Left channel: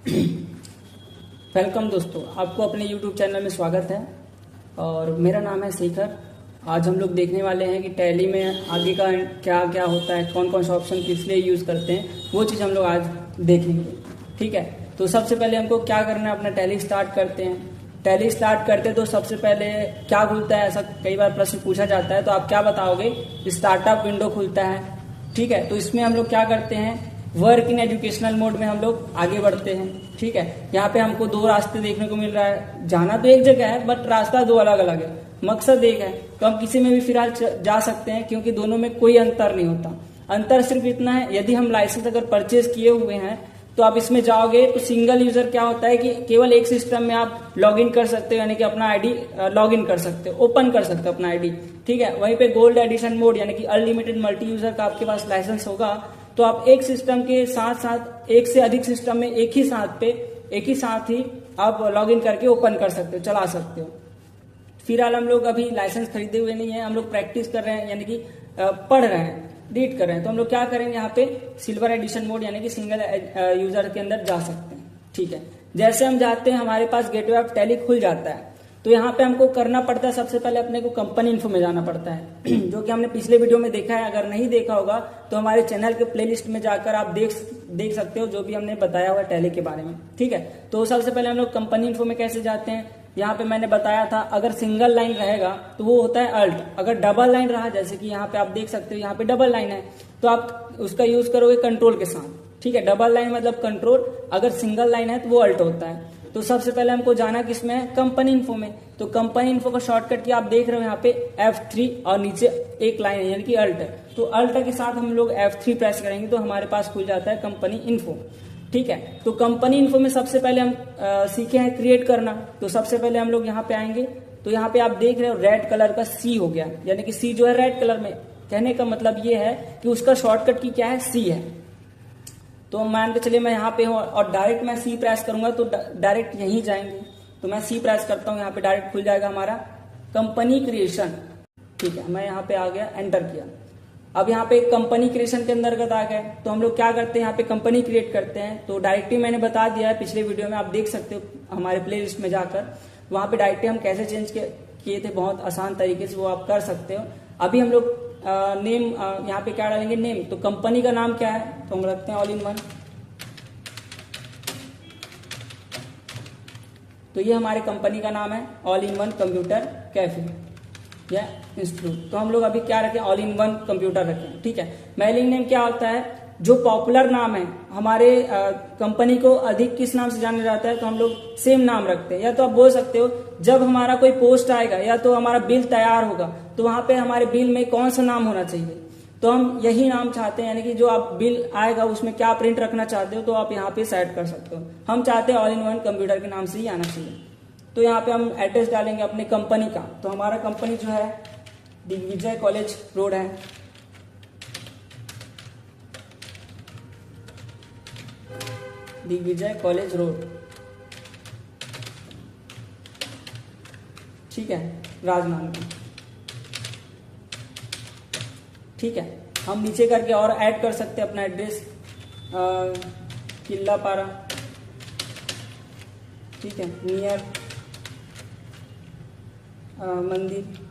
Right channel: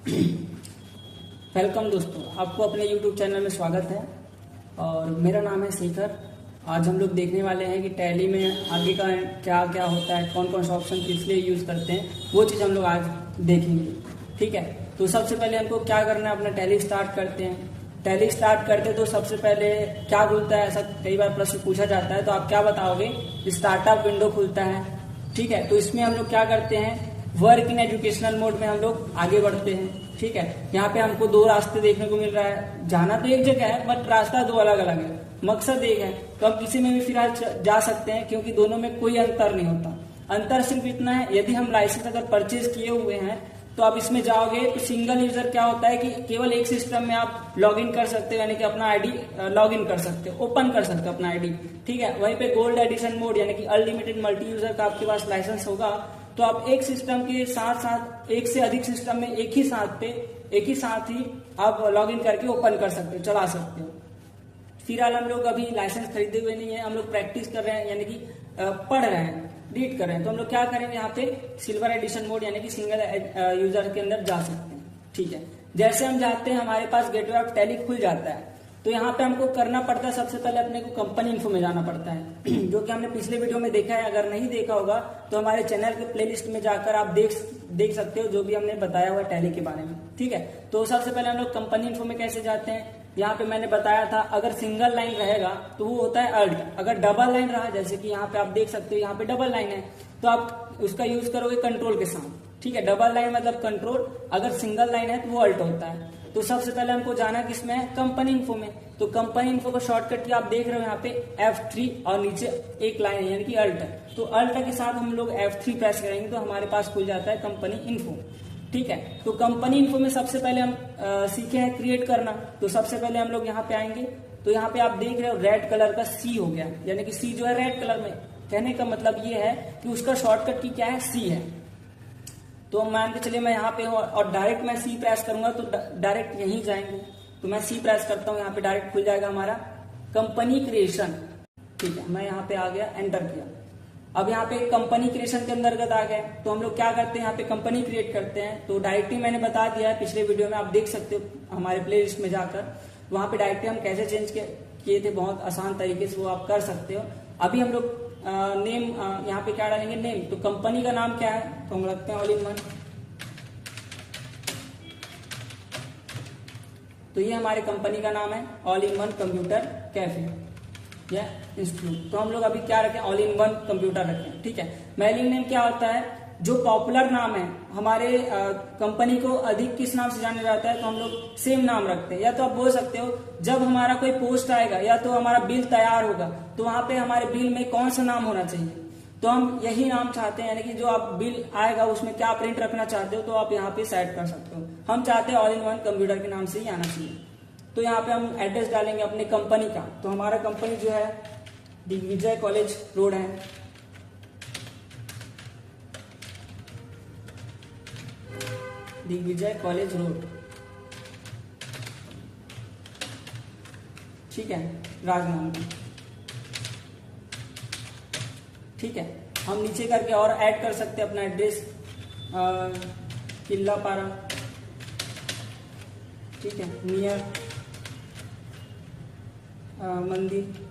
Welcome दोस्तों, आपको अपने YouTube चैनल में स्वागत है। और मेरा नाम है शेखर। आज हम लोग देखने वाले हैं कि टैली में आगे का क्या क्या होता है, कौन कौन सा ऑप्शन किस लिए यूज़ करते हैं, वो चीज़ हम लोग आज देखेंगे। ठीक है, तो सबसे पहले हमको क्या करना है, अपना टैली स्टार्ट करते हैं। टैली स्टार्ट करते हैं तो सबसे पहले क्या खुलता है, ऐसा कई बार प्रश्न पूछा जाता है, तो आप क्या बताओगे? स्टार्टअप विंडो खुलता है। ठीक है, तो इसमें हम लोग क्या करते हैं, वर्क इन एजुकेशनल मोड में हम लोग आगे बढ़ते हैं। ठीक है, यहाँ पे हमको दो रास्ते देखने को मिल रहा है। जाना तो एक जगह है बट रास्ता दो अलग अलग है, मकसद एक है। तो हम किसी में भी फिलहाल जा सकते हैं क्योंकि दोनों में कोई अंतर नहीं होता। अंतर सिर्फ इतना है, यदि हम लाइसेंस अगर परचेज किए हुए हैं तो आप इसमें जाओगे तो सिंगल यूजर क्या होता है कि केवल एक सिस्टम में आप लॉग इन कर सकते हो, यानी कि अपना आईडी लॉग इन कर सकते हो, ओपन कर सकते हो अपना आईडी। ठीक है, वहीं पे गोल्ड एडिशन मोड यानी कि अनलिमिटेड मल्टी यूजर का आपके पास लाइसेंस होगा तो आप एक सिस्टम के साथ साथ एक से अधिक सिस्टम में एक ही साथ ही आप लॉग इन करके ओपन कर सकते हो, चला सकते हो। फिलहाल हम लोग अभी लाइसेंस खरीदे हुए नहीं है, हम लोग प्रैक्टिस कर रहे हैं, यानी कि पढ़ रहे हैं, रीड कर रहे हैं। तो हम लोग क्या करेंगे, यहाँ पे सिल्वर एडिशन मोड यानी कि सिंगल यूजर के अंदर जा सकते हैं। ठीक है, जैसे हम जाते हैं हमारे पास गेटवे ऑफ टैली खुल जाता है। तो यहाँ पे हमको करना पड़ता है, सबसे पहले अपने को कंपनी इन्फो में जाना पड़ता है जो कि हमने पिछले वीडियो में देखा है। अगर नहीं देखा होगा तो हमारे चैनल के प्लेलिस्ट में जाकर आप देख सकते हो जो भी हमने बताया हुआ टैली के बारे में। ठीक है, तो सबसे पहले हम लोग कंपनी इन्फो में कैसे जाते हैं, यहाँ पे मैंने बताया था, अगर सिंगल लाइन रहेगा तो वो होता है अल्ट। अगर डबल लाइन रहा, जैसे कि यहाँ पे आप देख सकते हो, यहाँ पे डबल लाइन है तो आप उसका यूज करोगे कंट्रोल के साथ। ठीक है, डबल लाइन मतलब कंट्रोल, अगर सिंगल लाइन है तो वो अल्ट होता है। तो सबसे पहले हमको जाना किसमें है, कंपनी इन्फो में। तो कंपनी इन्फो का शॉर्टकट की आप देख रहे हो यहाँ पे F3 और नीचे एक लाइन है यानी कि अल्ट। तो अल्ट के साथ हम लोग F3 प्रेस करेंगे तो हमारे पास खुल जाता है कंपनी इन्फो। ठीक है, तो कंपनी इन्फो में सबसे पहले हम सीखे हैं क्रिएट करना। तो सबसे पहले हम लोग यहाँ पे आएंगे तो यहाँ पे आप देख रहे हो रेड कलर का सी हो गया, यानी कि सी जो है रेड कलर में। कहने का मतलब ये है कि उसका शॉर्टकट की क्या है, सी है। तो मान के चलिए मैं यहाँ पे हूँ और डायरेक्ट मैं सी प्रेस करूंगा तो डायरेक्ट यहीं जाएंगे। तो मैं सी प्रेस करता हूँ, यहाँ पे डायरेक्ट खुल जाएगा हमारा कंपनी क्रिएशन। ठीक है, मैं यहाँ पे आ गया, एंटर किया। अब यहाँ पे कंपनी क्रिएशन के अंतर्गत आ गए तो हम लोग क्या करते हैं, यहाँ पे कंपनी क्रिएट करते हैं। तो डायरेक्टरी मैंने बता दिया है पिछले वीडियो में, आप देख सकते हो हमारे प्ले लिस्ट में जाकर। वहां पे डायरेक्टरी हम कैसे चेंज किए थे, बहुत आसान तरीके से वो आप कर सकते हो। अभी हम लोग नेम यहाँ पे क्या डालेंगे, नेम। तो कंपनी का नाम क्या है, तो हम रखते हैं ऑल इन वन। तो ये हमारे कंपनी का नाम है, all in one computer cafe या इंस्टीट्यूट। तो हम लोग अभी क्या रखें, ऑल इन वन कंप्यूटर रखें। ठीक है, मेलिंग नेम क्या होता है, जो पॉपुलर नाम है हमारे कंपनी को अधिक किस नाम से जाना जाता है, तो हम लोग सेम नाम रखते हैं। या तो आप बोल सकते हो जब हमारा कोई पोस्ट आएगा या तो हमारा बिल तैयार होगा तो वहां पे हमारे बिल में कौन सा नाम होना चाहिए, तो हम यही नाम चाहते हैं। यानी कि जो आप बिल आएगा उसमें क्या प्रिंट रखना चाहते हो तो आप यहाँ पे सेट कर सकते हो। हम चाहते हैं ऑल इन वन कंप्यूटर के नाम से ही आना चाहिए। तो यहाँ पे हम एड्रेस डालेंगे अपनी कंपनी का। तो हमारा कंपनी जो है दिग्विजय कॉलेज रोड है, दिग्विजय कॉलेज रोड। ठीक है, राजनांदगांव। ठीक है, हम नीचे करके और ऐड कर सकते हैं अपना एड्रेस, किला पारा। ठीक है, नियर मंदिर,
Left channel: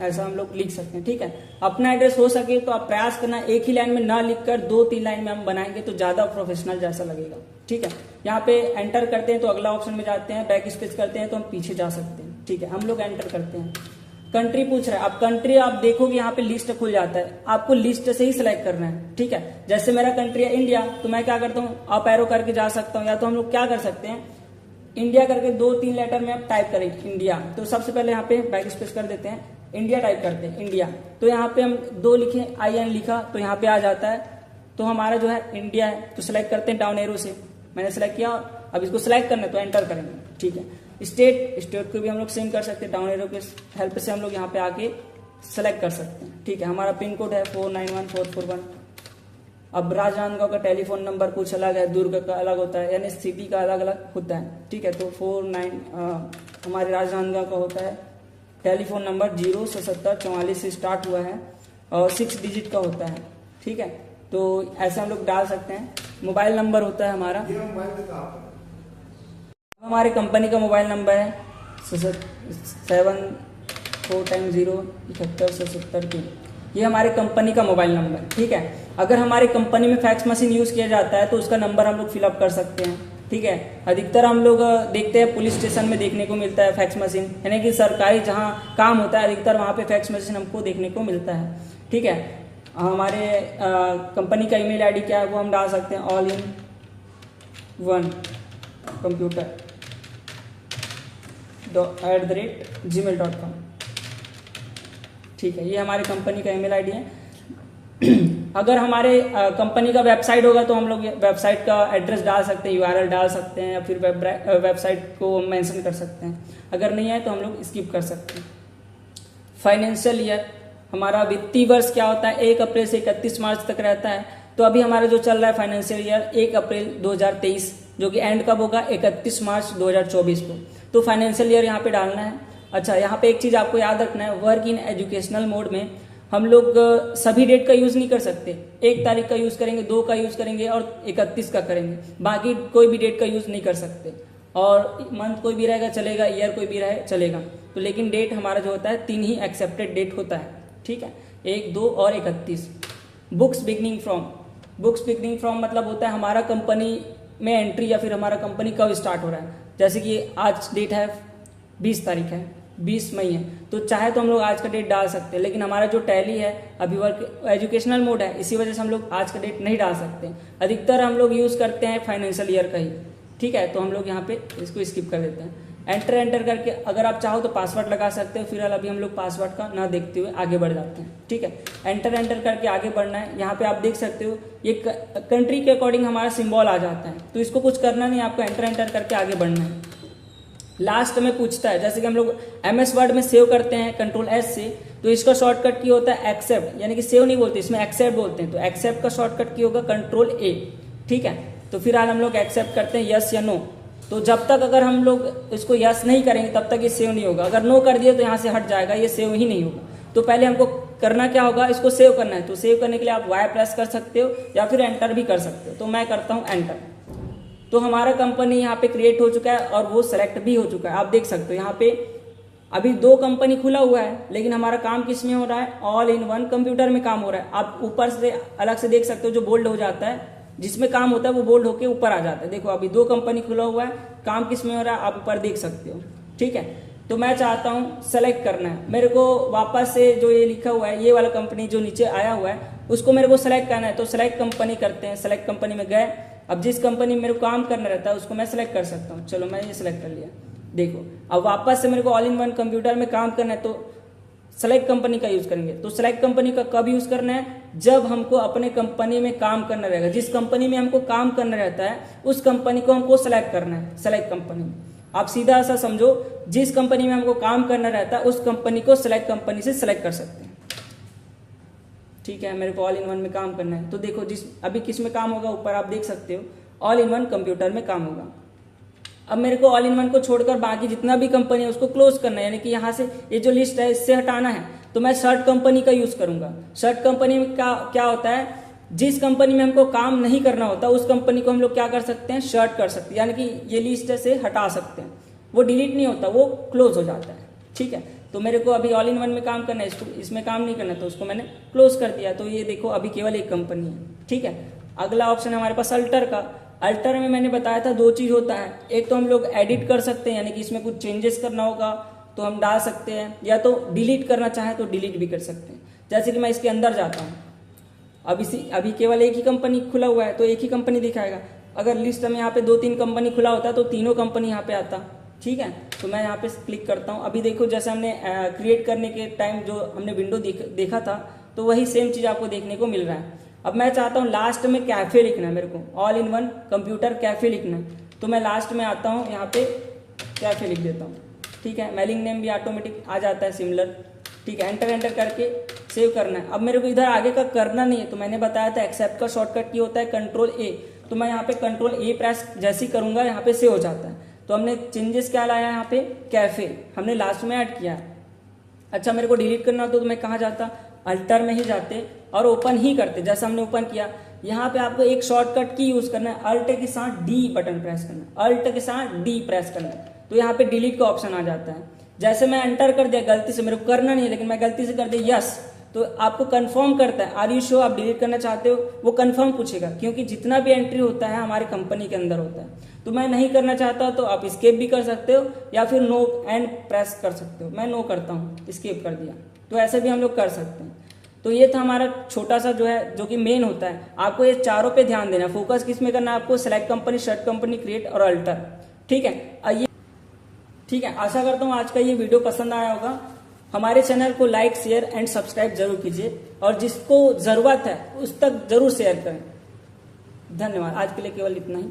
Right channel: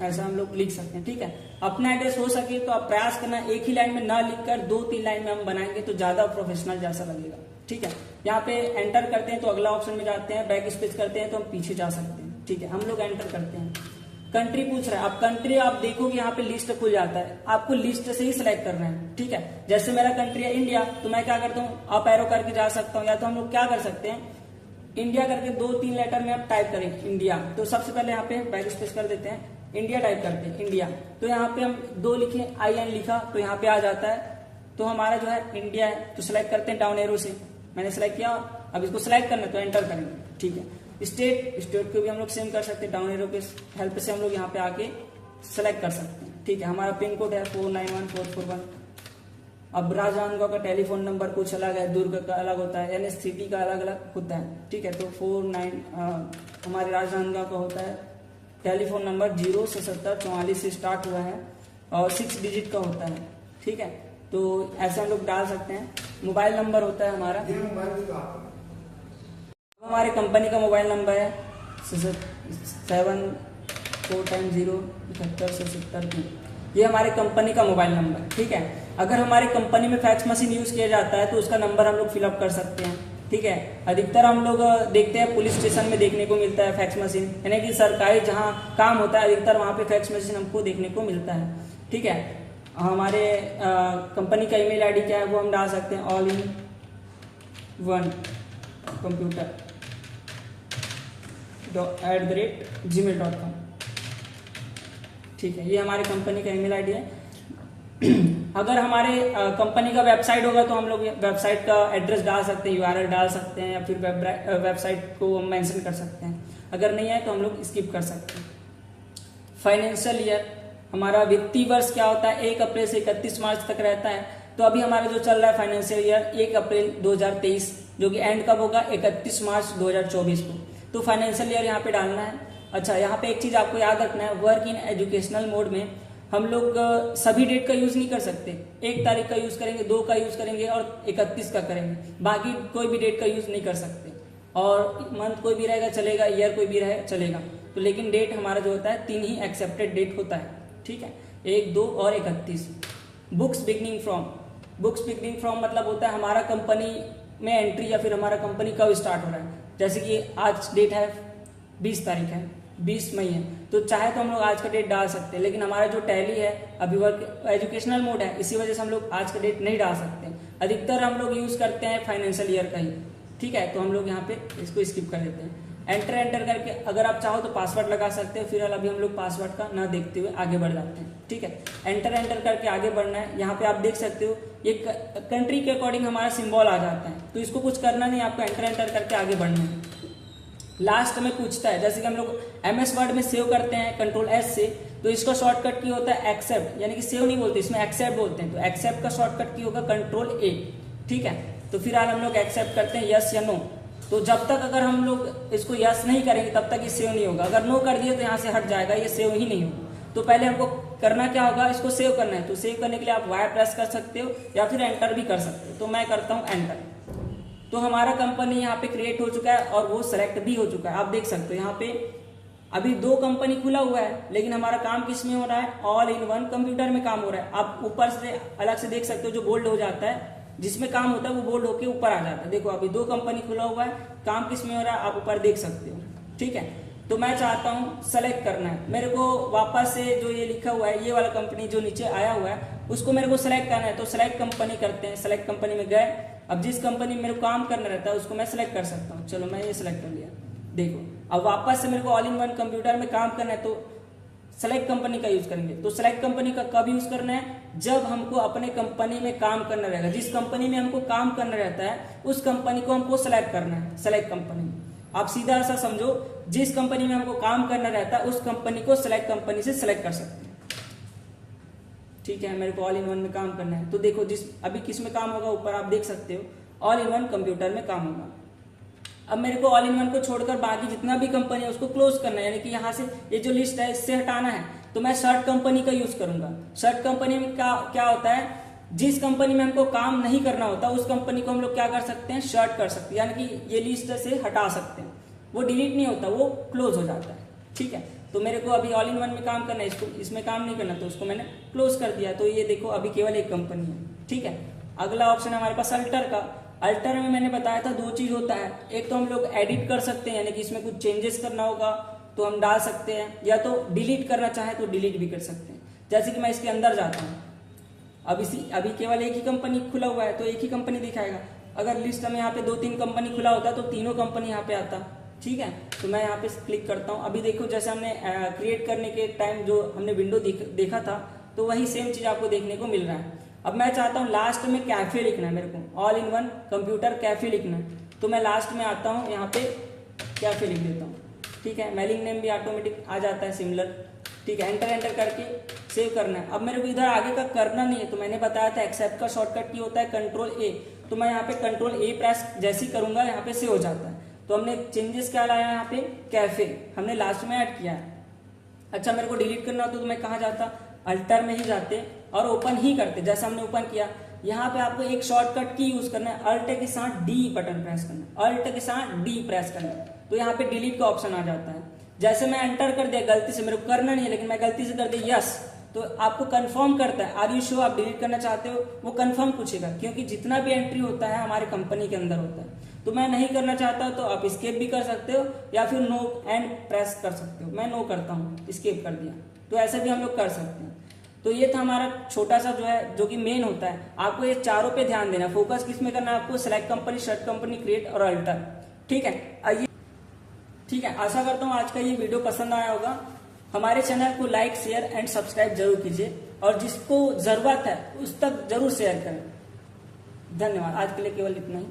ऐसा हम लोग लिख सकते हैं। ठीक है, अपना एड्रेस हो सके तो आप प्रयास करना एक ही लाइन में ना लिखकर 2-3 लाइन में हम बनाएंगे तो ज्यादा प्रोफेशनल जैसा लगेगा। ठीक है, यहाँ पे एंटर करते हैं तो अगला ऑप्शन में जाते हैं, बैक स्पेस करते हैं तो हम पीछे जा सकते हैं। ठीक है, हम लोग एंटर करते हैं। कंट्री पूछ रहा है, अब कंट्री आप देखोगे यहाँ पे लिस्ट खुल जाता है, आपको लिस्ट से ही सिलेक्ट करना है। ठीक है, जैसे मेरा कंट्री है इंडिया तो मैं क्या करता हूँ, अप एरो करके जा सकता हूँ। या तो हम लोग क्या कर सकते हैं, इंडिया करके 2-3 लेटर में आप टाइप करें इंडिया। तो सबसे पहले यहाँ पे बैक स्पेस कर देते हैं, इंडिया टाइप करते हैं, इंडिया। तो यहाँ पे हम 2 लिखे, IN लिखा तो यहाँ पे आ जाता है। तो हमारा जो है इंडिया है, तो सिलेक्ट करते हैं डाउन एरो से। मैंने सिलेक्ट किया, अब इसको सिलेक्ट करना है तो एंटर करेंगे। ठीक है, स्टेट को भी हम लोग सेम कर सकते हैं, डाउन एरो के हेल्प से हम लोग यहाँ पे आके सेलेक्ट कर सकते हैं। ठीक है, हमारा पिन कोड है 491441। अब राजनांदगांव का टेलीफोन नंबर कुछ अलग है, दुर्ग का अलग होता है, यानी सिटी का अलग अलग होता है। ठीक है, तो 49 हमारे राजनांदगांव का होता है टेलीफोन नंबर 0 से 70 44 से स्टार्ट हुआ है और 6 डिजिट का होता है। ठीक है, तो ऐसे हम लोग डाल सकते हैं। मोबाइल नंबर होता है हमारा, हमारे कंपनी का मोबाइल नंबर है 74107177 ये हमारे कंपनी का मोबाइल नंबर, ठीक है। अगर हमारे कंपनी में फैक्स मशीन यूज किया जाता है तो उसका नंबर हम लोग फिलअप कर सकते हैं, ठीक है। अधिकतर हम लोग देखते हैं पुलिस स्टेशन में देखने को मिलता है फैक्स मशीन, यानी कि सरकारी जहाँ काम होता है अधिकतर वहाँ पे फैक्स मशीन हमको देखने को मिलता है, ठीक है। हमारे कंपनी का ईमेल आईडी क्या है वो हम डाल सकते हैं all in one computer@gmail.com, ठीक है। ये हमारी कंपनी का ईमेल आईडी है। अगर हमारे कंपनी का वेबसाइट होगा तो हम लोग वेबसाइट का एड्रेस डाल सकते हैं, यूआरएल डाल सकते हैं, या फिर वेबसाइट को मेंशन कर सकते हैं। अगर नहीं है तो हम लोग स्किप कर सकते हैं। फाइनेंशियल ईयर, हमारा वित्तीय वर्ष क्या होता है 1 अप्रैल से 31 मार्च तक रहता है। तो अभी हमारा जो चल रहा है फाइनेंशियल ईयर 1 अप्रैल 2023, जो कि एंड कब होगा 31 मार्च 2024 को। तो फाइनेंशियल ईयर यहाँ पे डालना है। अच्छा, यहाँ पे एक चीज आपको याद रखना है, वर्क इन एजुकेशनल मोड में हम लोग सभी डेट का यूज नहीं कर सकते। 1 तारीख का यूज करेंगे, 2 का यूज करेंगे और 31 का करेंगे, बाकी कोई भी डेट का यूज नहीं कर सकते। और मंथ कोई भी रहेगा चलेगा, ईयर कोई भी रहे चलेगा। तो लेकिन डेट हमारा जो होता है 3 ही एक्सेप्टेड डेट होता है, ठीक है, 1, 2 और 31। बुक्स बिगनिंग फ्रॉम मतलब होता है हमारा कंपनी में एंट्री या फिर हमारा कंपनी कब स्टार्ट हो रहा है। जैसे कि आज डेट है 20 तारीख है, 20 मई है, तो चाहे तो हम लोग आज का डेट डाल सकते हैं। लेकिन हमारा जो टैली है अभी वर्क एजुकेशनल मोड है, इसी वजह से हम लोग आज का डेट नहीं डाल सकते। अधिकतर हम लोग यूज करते हैं फाइनेंशियल ईयर का ही, ठीक है। तो हम लोग यहाँ पे इसको स्किप कर देते हैं। एंटर करके अगर आप चाहो तो पासवर्ड लगा सकते हैं। फिलहाल अभी हम लोग पासवर्ड का ना देखते हुए आगे बढ़ जाते हैं, ठीक है। एंटर करके आगे बढ़ना है। यहाँ पे आप देख सकते हो ये कंट्री के अकॉर्डिंग हमारा सिंबल आ जाता है, तो इसको कुछ करना नहीं, आपको एंटर करके आगे बढ़ना है। लास्ट में पूछता है, जैसे कि हम लोग MS वर्ड में सेव करते हैं Ctrl+S से, तो इसका शॉर्टकट की होता है एक्सेप्ट, यानी कि सेव नहीं बोलते, इसमें एक्सेप्ट बोलते हैं। तो एक्सेप्ट का शॉर्टकट की होगा Ctrl+A, ठीक है। तो फिलहाल हम लोग एक्सेप्ट करते हैं यस या नो। तो जब तक अगर हम लोग इसको यस नहीं करेंगे तब तक ये सेव नहीं होगा। अगर नो कर दिए तो यहाँ से हट जाएगा, ये सेव ही नहीं होगा। तो पहले हमको करना क्या होगा, इसको सेव करना है। तो सेव करने के लिए आप Y प्रेस कर सकते हो या फिर एंटर भी कर सकते हो। तो मैं करता हूँ एंटर। तो हमारा कंपनी यहाँ पे क्रिएट हो चुका है और वो सेलेक्ट भी हो चुका है। आप देख सकते हो यहाँ पे अभी 2 कंपनी खुला हुआ है, लेकिन हमारा काम किस में हो रहा है, ऑल इन वन कंप्यूटर में काम हो रहा है। आप ऊपर से अलग से देख सकते हो, जो बोल्ड हो जाता है, जिसमें काम होता है वो बोल्ड होके ऊपर आ जाता है। देखो अभी 2 कंपनी खुला हुआ है, काम किस में हो रहा है आप ऊपर देख सकते हो, ठीक है। तो मैं चाहता हूँ सेलेक्ट करना है मेरे को, वापस से जो ये लिखा हुआ है ये वाला कंपनी जो नीचे आया हुआ है उसको मेरे को सेलेक्ट करना है। तो सेलेक्ट कंपनी करते हैं। सेलेक्ट कंपनी में गए, अब जिस कंपनी में मेरे को काम करना रहता है उसको मैं सेलेक्ट कर सकता हूँ। चलो मैं ये सेलेक्ट कर लिया। देखो अब वापस से मेरे को ऑल इन वन कंप्यूटर में काम करना है, तो सेलेक्ट कंपनी का यूज करेंगे। तो सेलेक्ट कंपनी का कब यूज करना है, जब हमको अपने कंपनी में काम करना रहेगा। जिस कंपनी में हमको काम करना रहता है उस कंपनी को हमको सेलेक्ट करना है। सेलेक्ट कंपनी, आप सीधा ऐसा समझो, जिस कंपनी में हमको काम करना रहता है उस कंपनी को सेलेक्ट कंपनी से सेलेक्ट कर सकते हैं, ठीक है। मेरे को ऑल इन वन में काम करना है, तो देखो जिस अभी किस में काम होगा ऊपर आप देख सकते हो, ऑल इन वन कंप्यूटर में काम होगा। अब मेरे को ऑल इन वन को छोड़कर बाकी जितना भी कंपनी है उसको क्लोज करना है, यानी कि यहाँ से ये जो लिस्ट है इससे हटाना है। तो मैं शर्ट कंपनी का यूज करूंगा। शर्ट कंपनी में क्या होता है, जिस कंपनी में हमको काम नहीं करना होता उस कंपनी को हम लोग क्या कर सकते हैं, शर्ट कर सकते हैं, यानी कि ये लिस्ट से हटा सकते हैं। वो डिलीट नहीं होता, वो क्लोज हो जाता है, ठीक है। तो मेरे को अभी ऑल इन वन में काम करना है, इसको इसमें काम नहीं करना, तो उसको मैंने क्लोज कर दिया। तो ये देखो अभी केवल एक कंपनी है, ठीक है। अगला ऑप्शन है हमारे पास अल्टर का। अल्टर में मैंने बताया था 2 चीज होता है, एक तो हम लोग एडिट कर सकते हैं, यानी कि इसमें कुछ चेंजेस करना होगा तो हम डाल सकते हैं, या तो डिलीट करना चाहे तो डिलीट भी कर सकते हैं। जैसे कि मैं इसके अंदर जाता हूँ, अभी केवल एक ही कंपनी खुला हुआ है तो एक ही कंपनी दिखाएगा। अगर लिस्ट में यहाँ पे 2-3 कंपनी खुला होता तो तीनों कंपनी यहाँ पे आता, ठीक है। तो मैं यहाँ पे क्लिक करता हूँ। अभी देखो जैसे हमने क्रिएट करने के टाइम जो हमने विंडो देखा था तो वही सेम चीज आपको देखने को मिल रहा है। अब मैं चाहता हूँ लास्ट में कैफे लिखना है, मेरे को all in one computer cafe लिखना है। तो मैं लास्ट में आता हूँ, यहाँ पे कैफे लिख देता हूँ, ठीक है। मेलिंग नेम भी ऑटोमेटिक आ जाता है सिमिलर, ठीक है। एंटर करके सेव करना है। अब मेरे को इधर आगे का करना नहीं है, तो मैंने बताया था एक्सेप्ट का शॉर्टकट की होता है Ctrl+A। तो मैं यहाँ पे Ctrl+A प्रेस जैसे ही करूंगा यहाँ पे सेव हो जाता है। तो हमने चेंजेस क्या लाया यहाँ पे, कैफे हमने लास्ट में ऐड किया। अच्छा मेरे को डिलीट करना होता तो मैं कहाँ जाता, अल्टर में ही जाते और ओपन ही करते, जैसा हमने ओपन किया। यहाँ पे आपको एक शॉर्टकट की यूज करना है, अल्ट के साथ डी बटन प्रेस करना है, अल्ट के साथ डी प्रेस करना है, तो यहाँ पे डिलीट का ऑप्शन आ जाता है। जैसे मैं एंटर कर दिया गलती से, मेरे को करना नहीं है लेकिन मैं गलती से कर दिया यस, तो आपको कंफर्म करता है, आर यू श्योर आप डिलीट करना चाहते हो, वो कंफर्म पूछेगा, क्योंकि जितना भी एंट्री होता है हमारे कंपनी के अंदर होता है। तो मैं नहीं करना चाहता तो आप स्केप भी कर सकते हो या फिर नो एंड प्रेस कर सकते हो। मैं नो करता हूँ, स्केप कर दिया, तो ऐसे भी हम लोग कर सकते हैं। तो ये था हमारा छोटा सा जो है, जो कि मेन होता है। आपको ये चारों पे ध्यान देना, फोकस किस में करना है आपको, select company, shirt company, create और अल्टर। ठीक है, आइए, ठीक है, आशा करता हूँ आज का ये वीडियो पसंद आया होगा। हमारे चैनल को लाइक, शेयर एंड सब्सक्राइब जरूर कीजिए और जिसको जरूरत है उस तक जरूर शेयर करें। धन्यवाद, आज के लिए केवल इतना ही।